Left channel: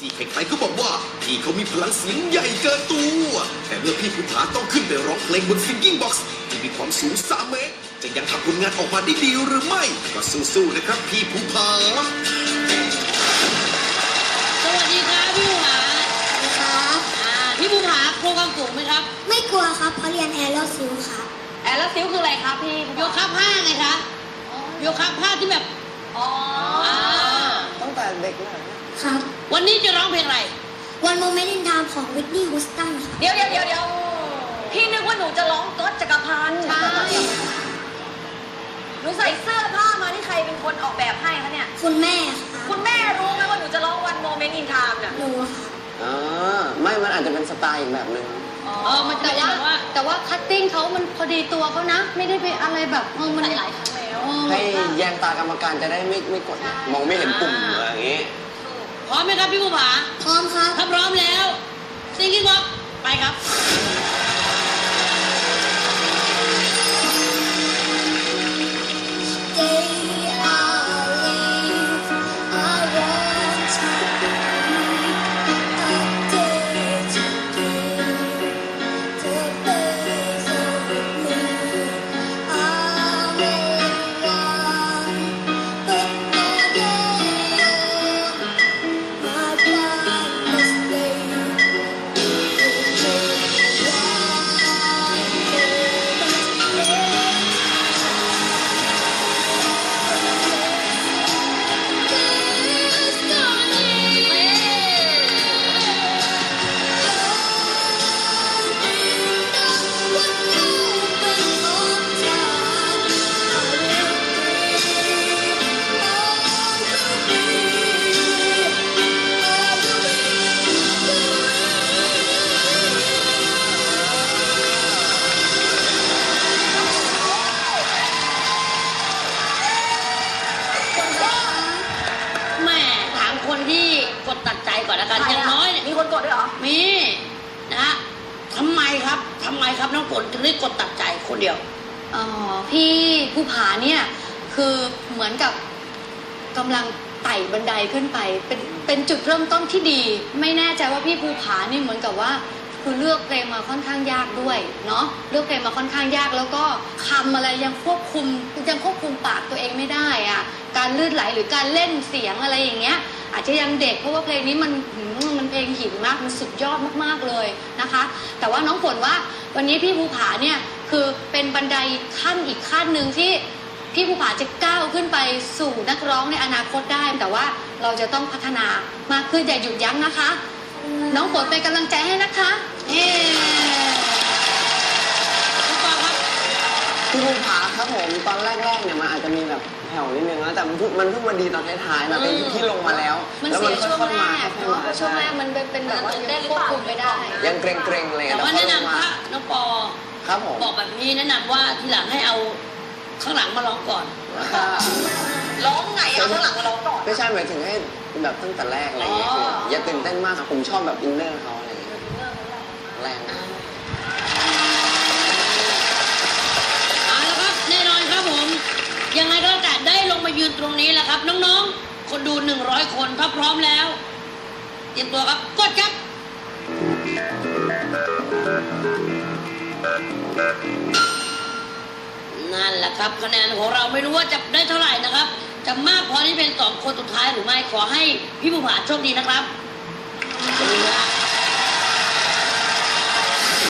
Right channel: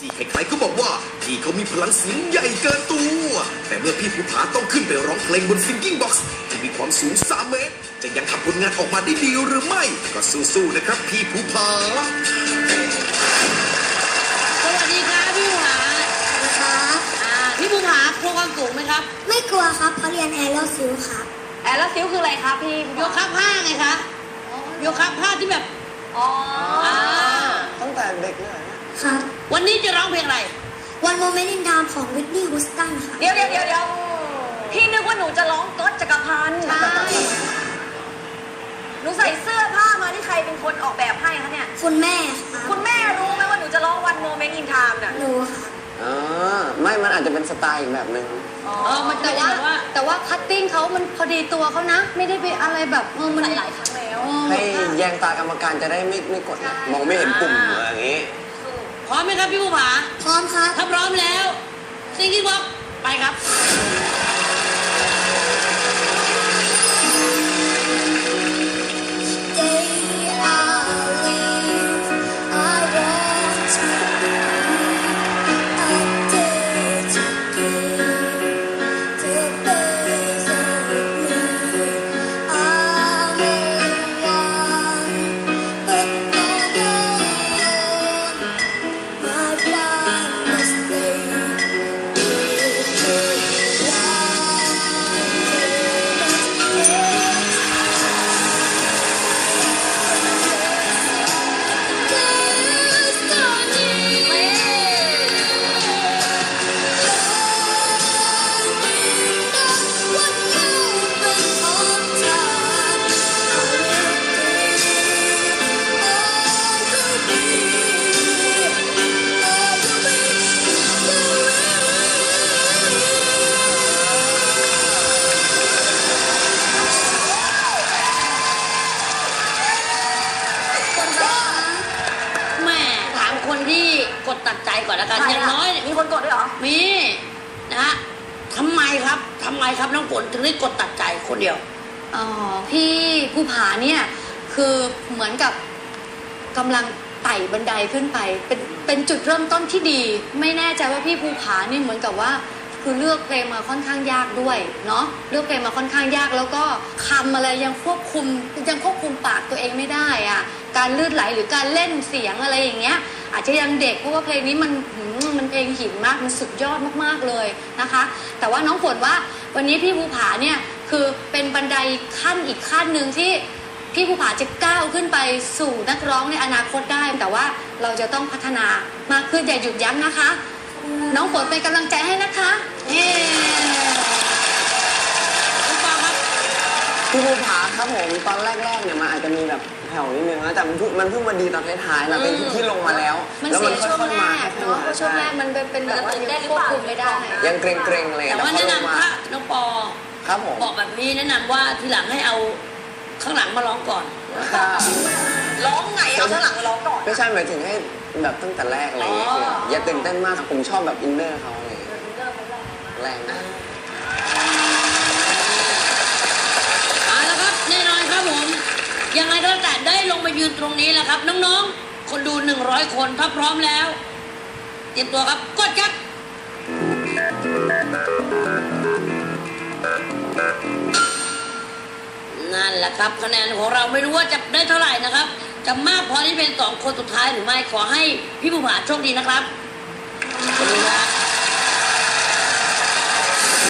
ที่ใครๆก็บอกว่าพี่เขามีพลังเสียงใหญ่เกินตัว แต่เมื่อพี่ภูผาต้องขึ้นไปร้องเพลงบนซิงกิ้งบ็อกซ์ที่มีความสูง 3 เมตร จะยังทำผลงานออกมาได้ดีหรือไม่ ก็สู้ๆนะครับพี่ภูผา สวัสดีครับพี่ภูผาครับอ่าพี่ภูผากลัวความสูงไหมครับ ไม่กลัวครับเพราะเรียนแอร์แล้วซิลครับแอร์แล้วซิลคืออะไรครับพี่โยคะผ้าไงคะโยคะผ้าที่แบบ อ๋ออ่า ตั้งแต่เด็กเลย ครับ วันนี้จะร้องเพลงอะไรวันโมเมนต์อินทามของวิทนี่ฮูสตันครับเดี๋ยวเดี๋ยวเดี๋ยวเดี๋ยวพี่นึกว่าหนูจะร้องก๊อตจักรพันธ์หนูใส่เสื้อผ้ามาที่ใครเป็นคนออกแบบให้คะเนี่ย คุณแม่ครับคุณแม่รู้ไหมว่าหนูจะร้องวันโมเมนต์อินไทม์เนี่ยหนูครับอ่าไม่มันอาจจะเป็นสไตล์อีกแบบหนึ่งอ๋อเออมันจะเป็นแบบว่าแต่ว่าคัตติ้งเขามันพอดีตัวเขานะ ไม่ได้ไปอะไรแบบเออมันหลายๆครั้งแล้วเออให้แยงตากรรมการจะได้ไม่ไม่กดนะมองไม่เห็นปุ่มอะไรอย่างงี้ พร้อมไหมครับพี่ภูผาพร้อมครับถ้าพร้อมแล้วซิงกิ้งบ็อกไปครับ ตัดใจก่อนแล้วกันอย่างน้อยเนี่ยมีคนกดด้วยเหรอ มีนะฮะทำไมครับทำไมครับน้องฝนถึงได้กดตัดใจคนเดียว อ๋อพี่ผู้ผาเนี่ย คือเหมือนกับกำลังไต่บันไดขึ้นไป เป็นเป็นจุดเริ่มต้นที่ดี ไม่แน่ใจว่าพี่ภูผานี่เหมือนกับว่าคือเลือกเพลงมาค่อนข้างยากด้วยเนาะเลือกเพลงมาค่อนข้างยากแล้วก็คำอะไรยังควบคุมยังควบคุมปากตัวเองไม่ได้อะ การลื่นไหลหรือการเล่นเสียงอะไรอย่างเงี้ย อาจจะยังเด็กเพราะว่าเพลงนี้มันมันเพลงหินมากมันสุดยอดมากๆเลยนะคะ แต่ว่าน้องฝนว่าวันนี้พี่ภูผาเนี่ยคือเป็นบันไดขั้นอีกขั้นหนึ่งที่พี่ภูผาจะก้าวขึ้นไปสู่นักร้องในอนาคตได้ แต่ว่าเราจะต้องพัฒนามากขึ้นอย่าหยุดยั้งนะคะ น้องฝนเป็นกำลังใจให้นะคะเย้ภูผาครับผม มันเพิ่งมันเพิ่งมาดีตอนท้ายๆนะเป็นที่ลงมาแล้วมันแล้วเสีมัยนช่วงค่อยแรๆมากค่อยๆเนาะมาช่วงใช่แรกมันเป็นแบบว่ายังควบคุมไม่ได้ยังเกรงๆอะไรแต่แต่ว่าพอแนะลงนำมาถ้าน้องปอครับผมบอกแบบนี้แนะนำว่าทีหลังให้เอาข้างหลังมาร้องก่อน ร้องไงเอาข้างหลังมาร้องก่อนไม่ใช่หมายถึงให้แบบตั้งแต่แรกอะไรอย่างเงี้ยคืออย่าตื่นเต้นมากผมชอบแบบอินเนอร์เขาอะไรอย่างเงี้ยแรงมาก เอาละครับแน่นอนครับผมยังไงก็แล้วแต่ได้ลงมา ยืนตรงนี้แหละครับ น้องๆ คนดู 100 คนถ้าพร้อมแล้วเตรียมตัวครับกดครับนั่นแหละครับคะแนนของเราไม่รู้ว่าจะได้เท่าไหร่นะครับ จะมากพอที่เป็นสองคนสุดท้ายหรือไม่ขอให้พี่ภูผาโชคดีนะครับขอบคุณครับ